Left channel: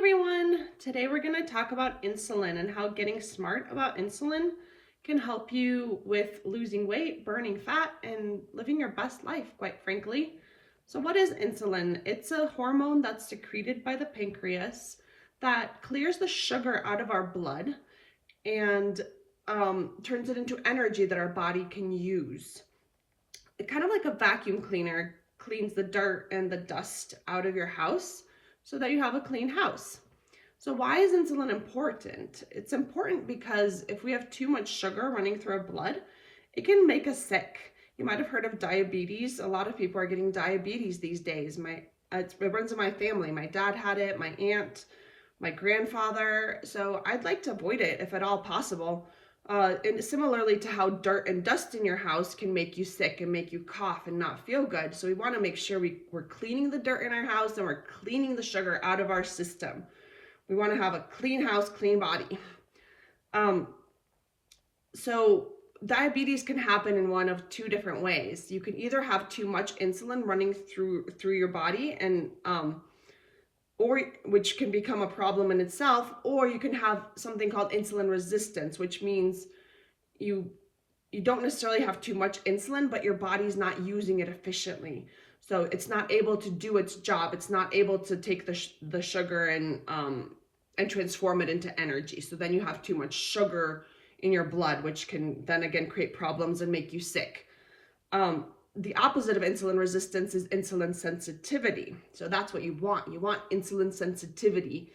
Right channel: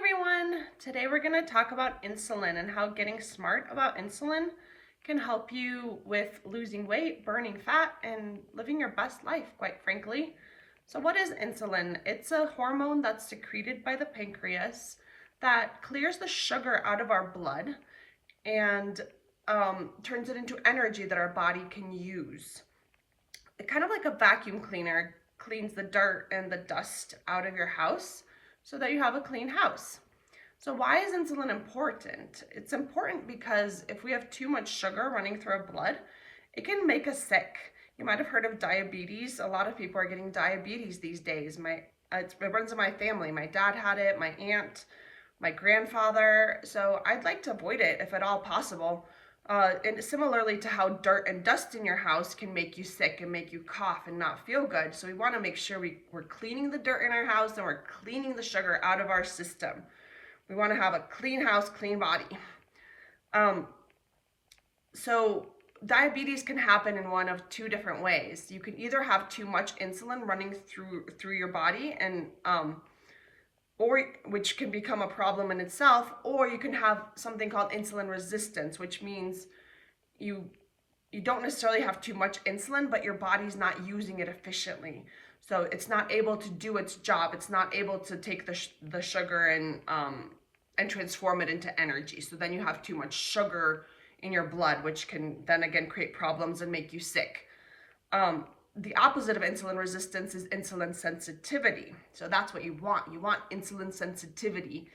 everyone! Today we're going to talk about insulin and how getting smart about insulin can help you with losing weight, burning fat, and living your best life, quite frankly. So what is insulin? It's a hormone that's secreted by the pancreas that clears the sugar out of our blood and turns it into energy that our body can use. It kind of like a vacuum cleaner cleans the dirt and the dust out of your house so that you have a clean house. So why is insulin important? It's important because if we have too much sugar running through our blood, it can make us sick. You might have heard of diabetes. A lot of people are getting diabetes these days. It runs in my family. My dad had it, my aunt, my grandfather. So I'd like to avoid it if at all possible. And similarly to how dirt and dust in your house can make you sick and make you cough and not feel good. So we want to make sure we're cleaning the dirt in our house and we're cleaning the sugar out of our system. We want to have a clean house, clean body. So diabetes can happen in one of two different ways. You can either have too much insulin running through your body and or which can become a problem in itself, or you can have something called insulin resistance, which means you don't necessarily have too much insulin, but your body's not using it efficiently. So it's not able to do its job. It's not able to take the sugar and transform it into energy. So then you have too much sugar in your blood, which can then again create problems and make you sick. The opposite of insulin resistance is insulin sensitivity. So that's what you want. You want insulin sensitivity.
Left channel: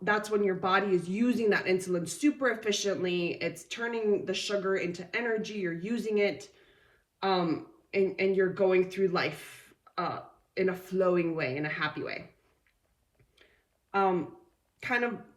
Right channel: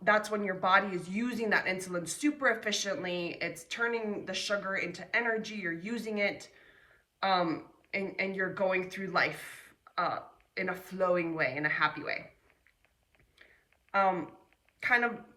That's when your body is using that insulin super efficiently. It's turning the sugar into energy. You're using it, and you're going through life in a flowing way, in a happy way.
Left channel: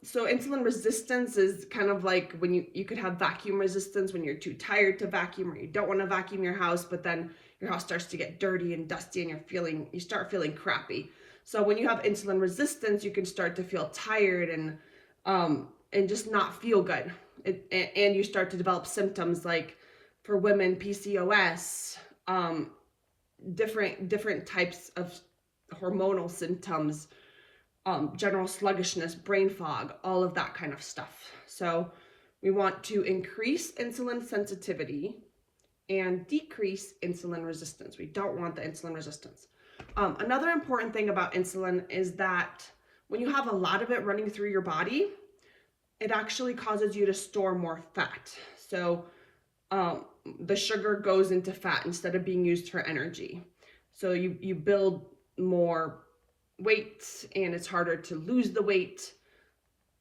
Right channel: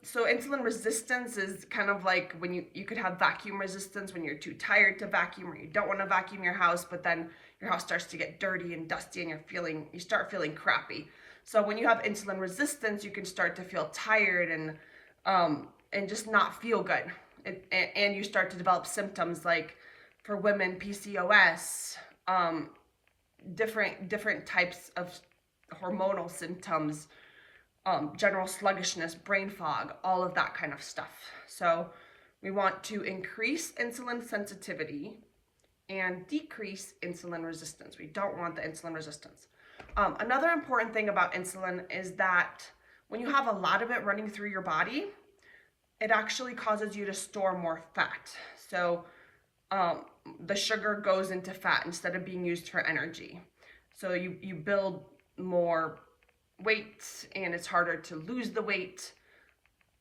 So insulin resistance is kind of like when you could have vacuum resistance when you're too tired to vacuum or you don't want to vacuum your house, but then your house starts to get dirty and dusty and you start feeling crappy. So when you have insulin resistance, you can start to feel tired and just not feel good. And you start to develop symptoms like, for women, PCOS, different types of hormonal symptoms, general sluggishness, brain fog, all of that kind of stuff. So we want to increase insulin sensitivity and decrease insulin resistance. We don't want the insulin resistance. Another important thing about insulin is that when you have a lot of it running through your body, it actually causes you to store more fat. So the sugar goes into fat instead of being used for energy. So you build more weight and it's harder to lose the weight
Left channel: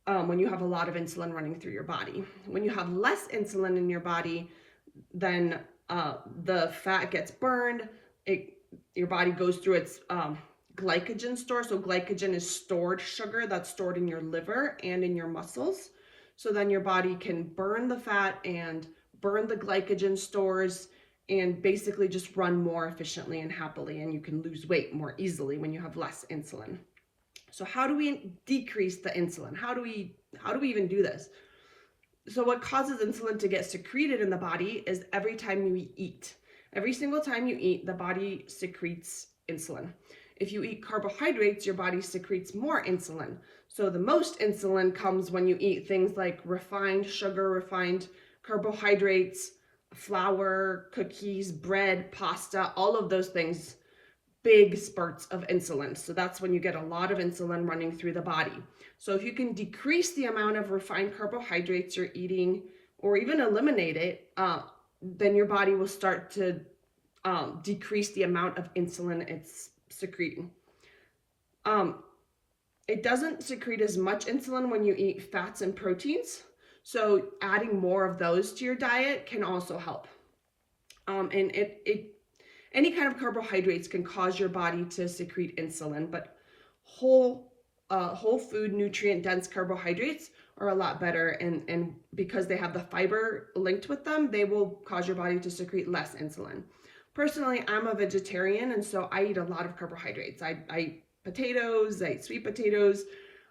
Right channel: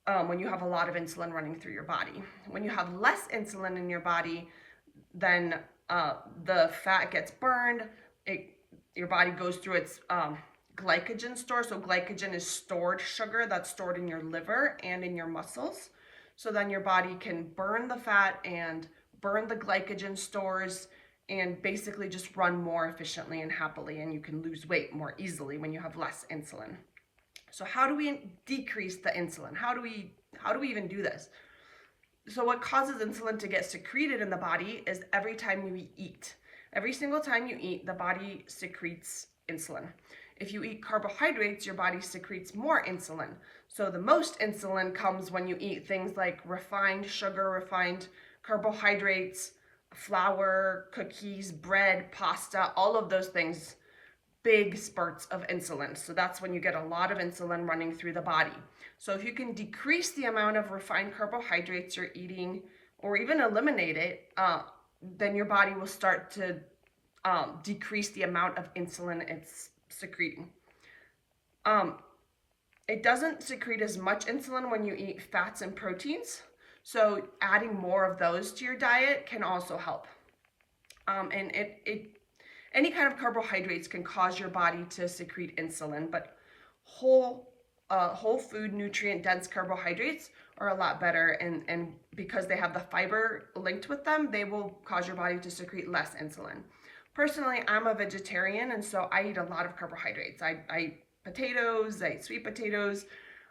when you have a lot of insulin running through your body. When you have less insulin in your body, then the fat gets burned. Your body goes through its glycogen store. So glycogen is stored sugar that's stored in your liver and in your muscles. So then your body can burn the fat and burn the glycogen stores and basically just run more efficiently and happily, and you can lose weight more easily when you have less insulin. So how do we decrease the insulin? How do we even do this? So what causes insulin to get secreted in the body is every time you eat. Every single time you eat, the body secretes insulin. If you eat carbohydrates, your body secretes more insulin. So the most insulin comes when you eat things like refined sugar, refined carbohydrates, flour, cookies, bread, pasta, all of those things, big spurts of insulin. So that's when you get a lot of insulin running through the body. So if you can decrease the amount of refined carbohydrates you're eating or even eliminate it, then your body will start to decrease the amount of insulin it's secreting. It doesn't secrete as much insulin when you eat fats and proteins. So adding more of those to your diet can also help. And any kind of carbohydrates can cause your body to secrete insulin, but whole food, nutrient dense carbohydrates are a lot better, and because they have the fiber linked with them, they will cause your body to secrete less insulin. Personally, I'm a vegetarian, and so I eat a lot of carbohydrates. I eat potatoes, I eat sweet potatoes,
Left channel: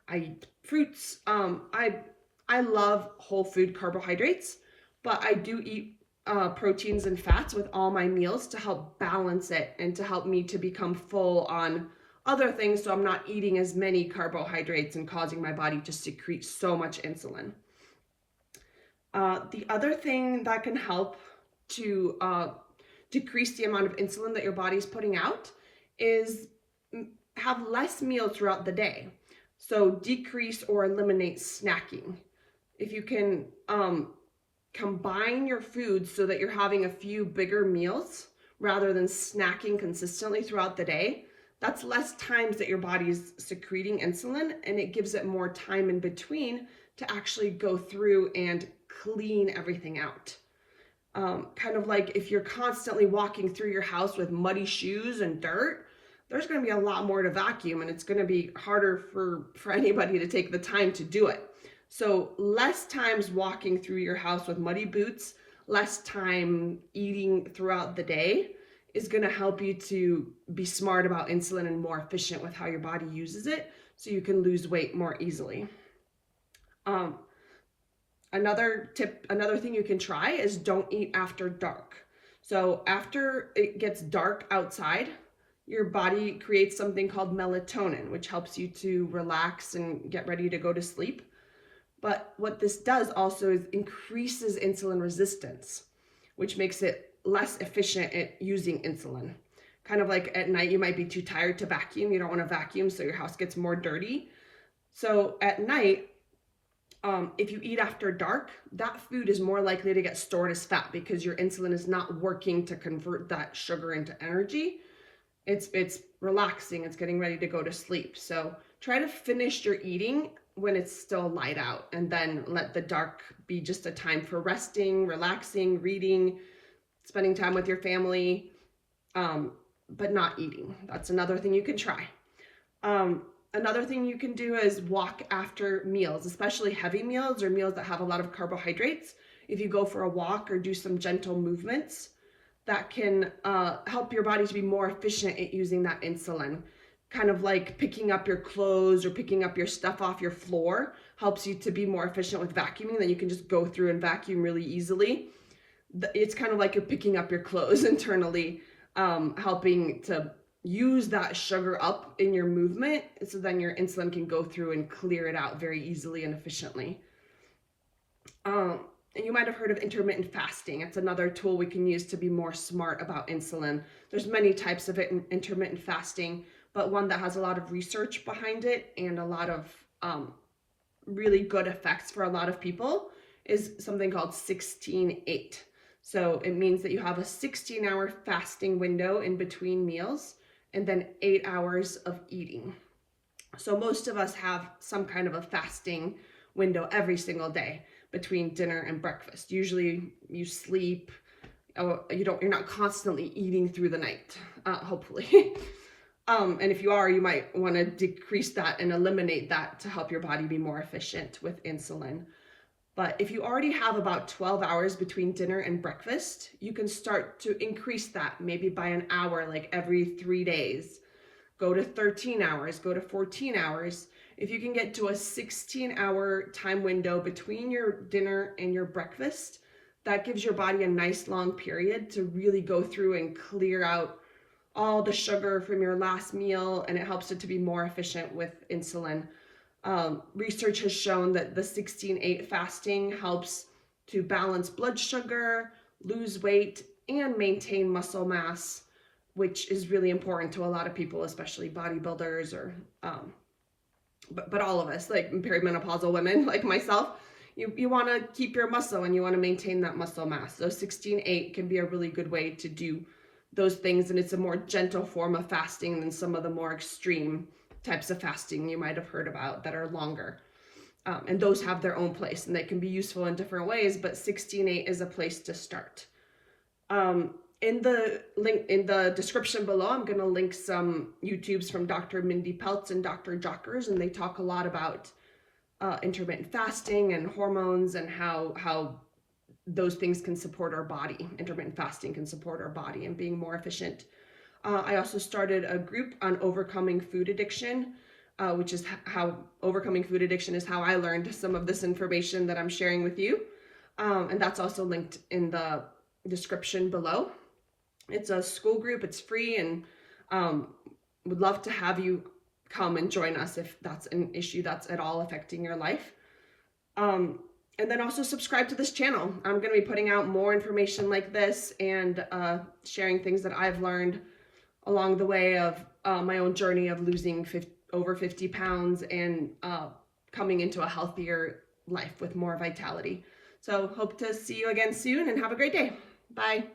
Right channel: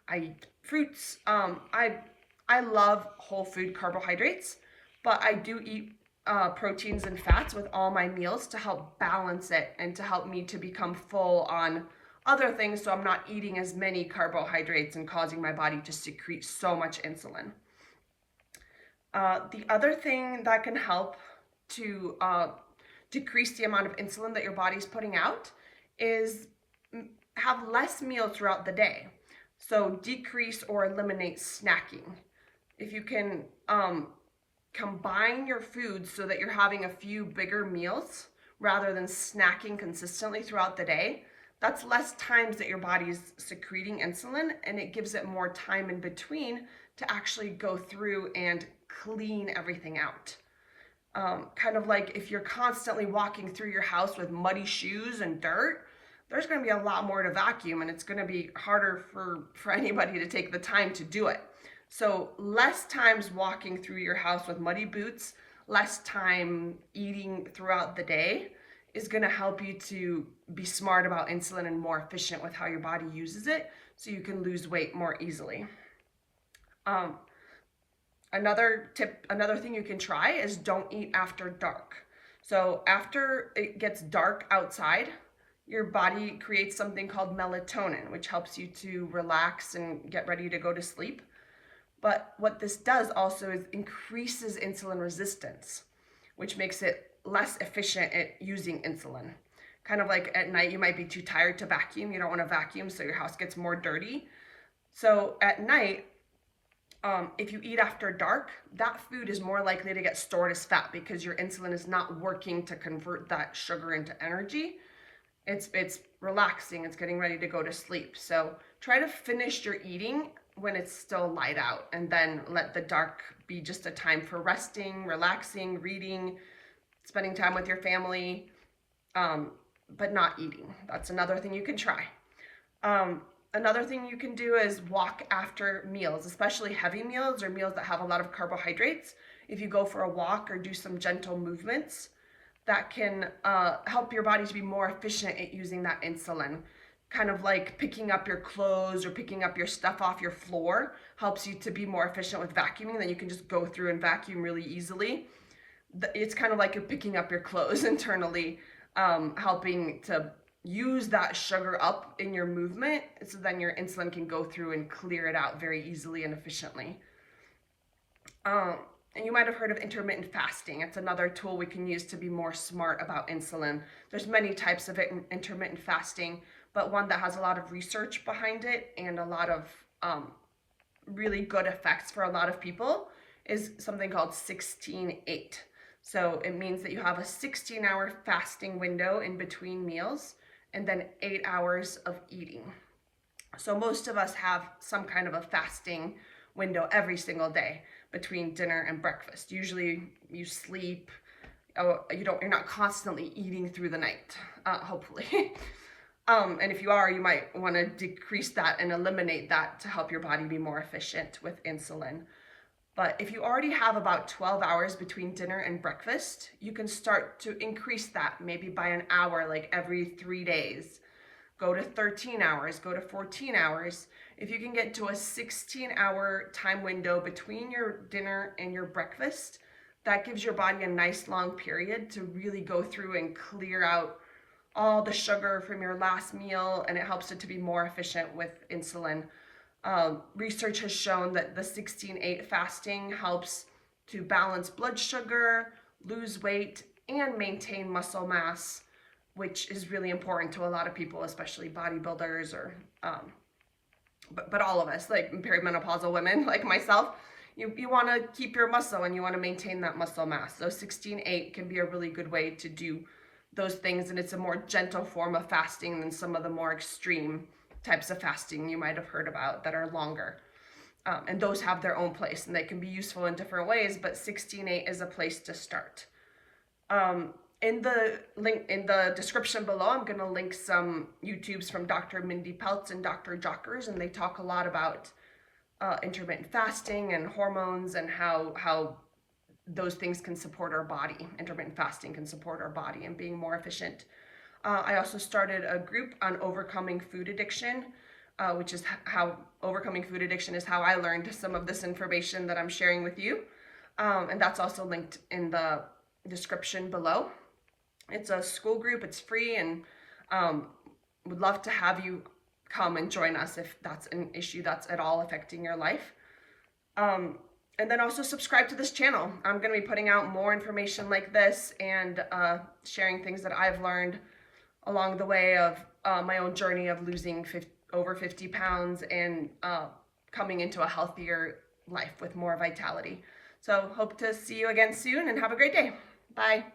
I eat fruits. I love whole food carbohydrates, but I do eat proteins and fats with all my meals to help balance it and to help me to become full on other things so I'm not eating as many carbohydrates and causing my body to secrete so much insulin. The other thing that can help to decrease the amount of insulin that your body's putting out is have less meals throughout the day. So decrease or eliminate snacking. If you can combine your foods so that you're having a few bigger meals rather than snacking consistently throughout the day, that's less times that your body's secreting insulin, and it gives it more time in between to actually go through and clean everything out. Kind of like if you're constantly walking through your house with muddy shoes and dirt, there's going to be a lot more to vacuum, and it's going to be harder for anybody to take the time to do it. So less times walking through your house with muddy boots, less time eating throughout the day is going to help you to be smart about insulin and more efficient with how your body uses it, so you can lose weight more easily. Another thing you can try is don't eat after dark. So after it gets dark outside, your body creates something called melatonin, which helps you to relax and get ready to go to sleep. But what this does also is increases insulin resistance, which makes it less efficient at using insulin. Kind of like at night, you might be too tired to vacuum. You don't want to vacuum, so your house gets more dirty. So at night, if you eat after dark, that food is more likely to get stored as fat because your insulin is not working to convert that sugar into energy. It's relaxing, it's getting ready to go to sleep. So try to finish your eating when it's still light out, and then let the dark be just a time for resting, relaxing, reading, spending time with your family, but not eating. That's another thing you can try. Another thing you can do is walk after meals, especially heavy meals or meals that have a lot of carbohydrates. If you go for a walk or do some gentle movements, that can help your body to be more efficient at using that insulin. Kind of like picking up your clothes or picking up your stuff off your floor helps you to be more efficient with vacuuming. Then you can just go through and vacuum really easily. It's kind of like you're picking up your clothes internally, helping to use that sugar up in your movement, so then your insulin can go through and clear it out very easily and efficiently. And you might have heard of intermittent fasting. It's another tool we can use to be more smart about insulin. There's many types of intermittent fasting, but one that has a lot of research behind it and a lot of really good effects for a lot of people is something called 16-8. So it means that you have a 16-hour fasting window in between meals and then 8 hours of eating. So most of us have some kind of a fasting window every single day between dinner and breakfast. Usually you sleep, you're not constantly eating through the night, hopefully. And if you are, you might want to decrease that and eliminate that to help your body be more efficient with insulin. But if you already have about 12 hours between dinner and breakfast, you can start to increase that maybe by an hour, like every 3 days. Go to 13 hours, go to 14 hours. If you can get to a 16-hour time window between your dinner and your breakfast, that gives your body a nice long period to really go through and clear out all the sugar from your last meal, and it helps it to be more efficient with insulin. Research has shown that the 16-8 fasting helps to balance blood sugar, lose weight, and maintain muscle mass, which is really important to a lot of people, especially bodybuilders or but all of us, like perimenopausal women like myself. You want to keep your muscle and you want to maintain that muscle mass. So 16-8 can be a really good way to do those things, and it's a more gentle form of fasting than some of the more extreme types of fasting you might have heard about that are longer. And those have their own place and they can be useful in different ways, but 16-8 is a place to start. In the link in the description below, I'm going to link some YouTubes from Dr. Mindy Peltz and Dr. Jockers, and they talk a lot about intermittent fasting and hormones and how those things can support our body. Intermittent fasting can support our body and being more efficient. I also started a group on overcoming food addiction, which is how overcoming food addiction is how I learned some of this information that I'm sharing with you. And that's also linked in the description below. It's a Skool group, it's free, and would love to have you come and join us if that's an issue that's at all affecting your life. And then also subscribe to this channel. I'm going to be putting out more information like this and sharing things that I've learned along the way of my own journey of losing over 50 pounds and coming into a healthier life with more vitality. So hope to see you again soon and have a great day. Bye.